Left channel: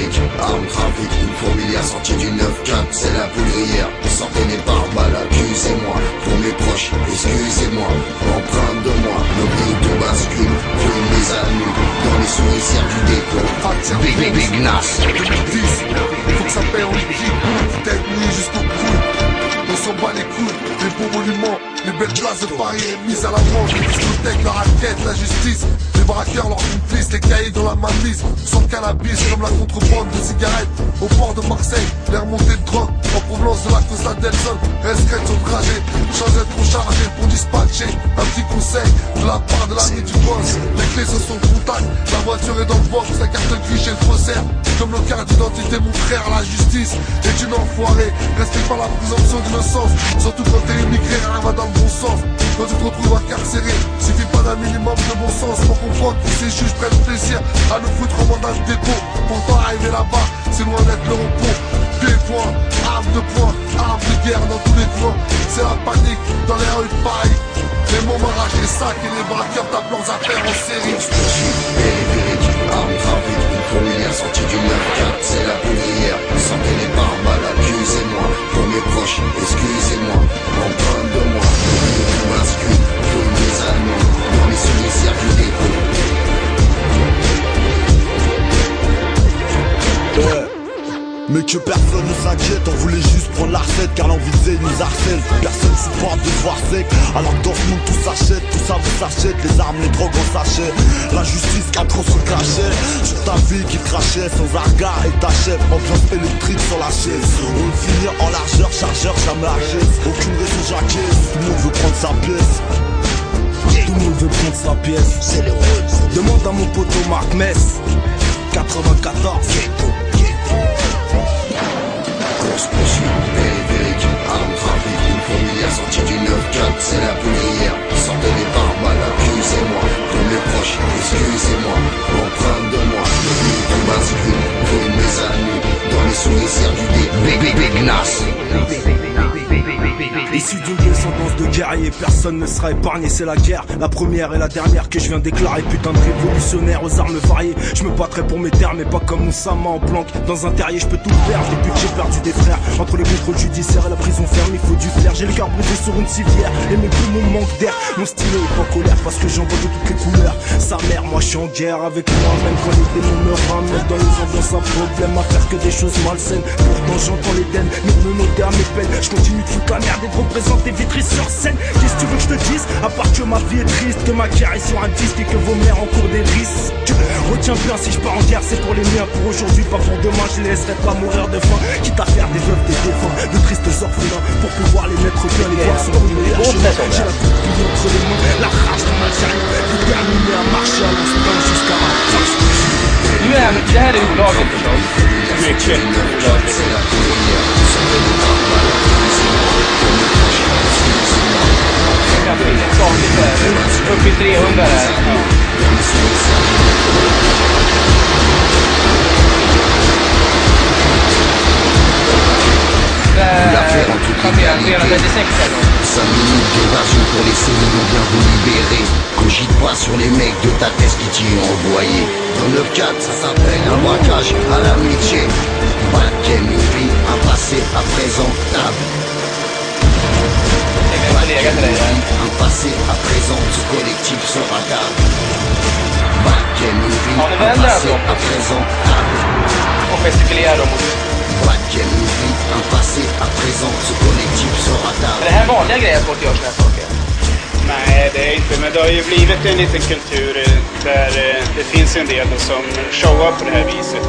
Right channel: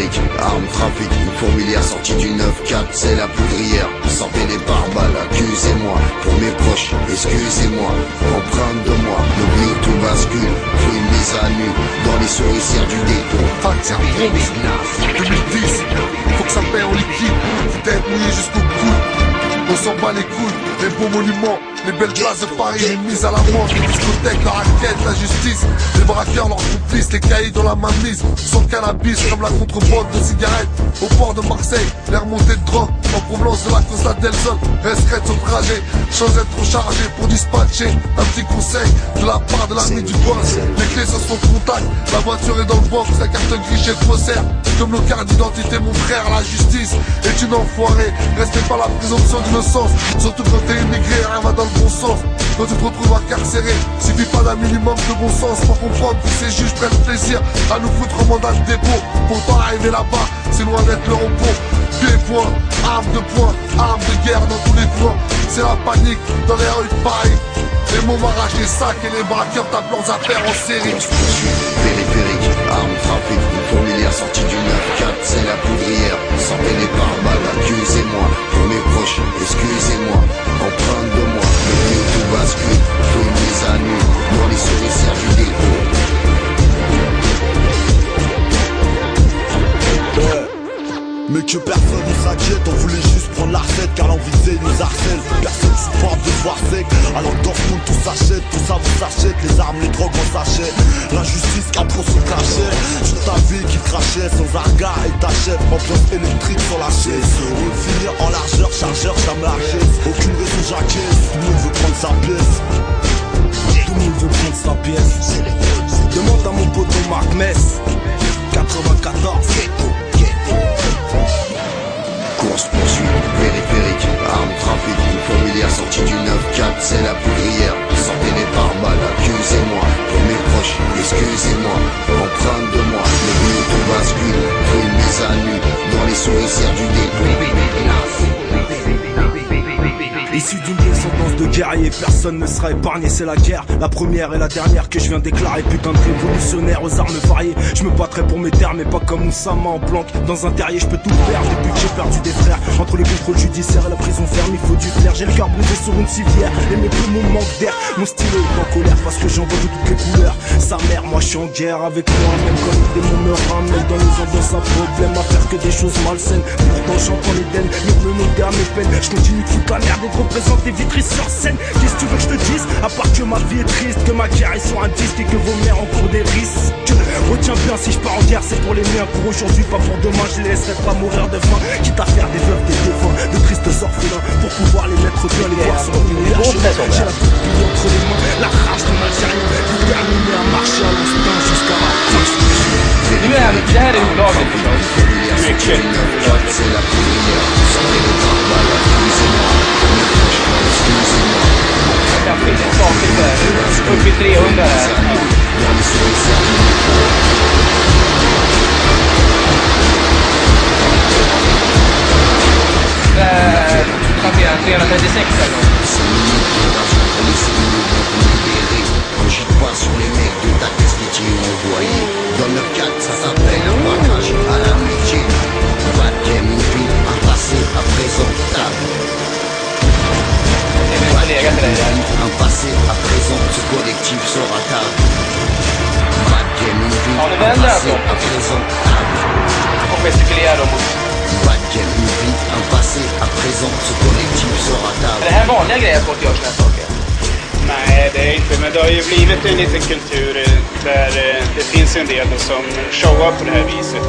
périphérique, armes, trafic, une fourmilière sortie du 9-4, c'est la poudrière. Sortez les pare-balles, accusez-moi, pour mes proches, excusez-moi, empreinte de moi, nos vies où tout bascule, faut une mise à nu, dans les souricières du dépôt. Facture Bronx, 2010, faut que ça paye en liquide, tête mouillée jusqu'au couilles. On s'en bat les couilles, les beaux monuments, les belles places de Paris, les mises à l'amende, les discothèques, la raquette, la justice, les braqueurs, leurs complices, les cahiers dans la mainmise, sans cannabis comme la contrebande de cigarettes. Au port de Marseille, les remontées de drogue, en provenance de la Costa del Sol, restreintes au trajet, sans être trop chargé pour dispatcher. Un petit conseil de la part de l'ami du boss, les clés sont son contact, la voiture est dans le box, la carte grise chez le faussaire. Comme nos cartes d'identité, mon frère, la justice est une enfoirée. Respecte pas la présomption d'innocence, surtout quand t'es immigré, rien va dans le bon sens. Quand tu te retrouves incarcéré, suffit pas d'un minimum de bon sens pour comprendre que ces juges prennent plaisir à nous foutre en mandat de dépôt. Pourtant arriver là-bas, c'est loin d'être le repos. Pieds-points, armes de poing, armes de guerre dans tous les coins. C'est la panique dans les rues de Paris. Les mômes arrachent les sacs et les braqueurs tapent leurs affaires en série. Course poursuite, périphérique, armes, trafic, une fourmilière sortie du 9-4, c'est la poudrière. Sortez les pare-balles, accusez-moi, pour mes proches, excusez-moi, empreinte de moi, le vies où tout bascule, faut une mise à nu, dans les souricières du dépôt. Mais que personne ne s'inquiète, on voulait juste prendre la recette car l'envie de nous harcèle. Personne supporte de se voir sec, alors que dans ce monde tout s'achète, tout ça vous s'achète, les armes, les drogues en sachet. L'injustice a trop son cachet, sur ta vie qui crachait sans un regard et t'achève. Ambiance électrique sur la chaise, on le finit en largeur, chargeur, jamais la caisse. Aucune raison j'acquiesce, tout le monde veut prendre sa pièce. Tout le monde veut prendre sa pièce. Demande à mon poteau Marc Mess, 94. Course poursuite, périphérique, armes, trafic, une fourmilière sortie du 9-4, c'est la poudrière. Sortez les pare-balles, accusez-moi, pour mes proches, excusez-moi, empreinte de moi, le vies où tout bascule, faut une mise à nu, dans les souricières du dépôt. Issu d'une descendance de guerriers, personne ne sera épargné, c'est la guerre. La première et la dernière que je viens déclarer. Putain de révolutionnaire aux armes variées. Je me battrai pour mes terres mais pas comme Moussama en planque. Dans un terrier je peux tout perdre depuis que j'ai perdu des frères. Entre les contrôles judiciaires et la prison ferme il faut du flair. J'ai le cœur brisé sur une civière et mes poumons manquent d'air. Mon stylo est en colère parce que j'en vois de toutes les couleurs. Sa mère, moi je suis en guerre avec moi-même. Quand les démons me ramènent dans les ambiances, un problème à faire que des choses malsaines. Pourtant j'entends les dennes me noter à mes peines. Je continue de foutre la merde et de représenter Vitry sur scène. Qu'est-ce que tu veux que je te dise? À part que ma vie est triste, que ma carrière est sur un disque et que vos mères encourent des risques. Retiens bien, si je pars en guerre c'est pour les miens, pour aujourd'hui pas pour demain. Je les laisserai pas mourir de faim, quitte à faire des veuves, des défunts, de tristes orphelins, pour pouvoir les mettre bien, les voir sur le meilleur chemin. J'ai la toute pile entre les mains, la rage d'un Algérien, déterminé à marcher à l'instinct jusqu'à la fin. Nu är det här är olagligt förstås. Mycket olagligt. Jag kan finna skakigt där. Upp i 300 där. Där passerar 336 eller något. J'y vois sur les mecs de ta caisse qui t'y ont envoyé. Dans le 4, ça s'appelle un braquage à l'amitié. Bad game, une vie, un passé, à présent, table. Un passé, à présent, ce collectif sera table. Bad game, une vie, un passé, à présent, table. Och gestikulerar dem mot... Bad game, une vie, un passé, à présent, ce collectif sera table. Är det här vanliga grejer att folk gör såna här saker? Nej, det är inte, men det har ju blivit en liten kultur där det finns en del som showar på det här viset.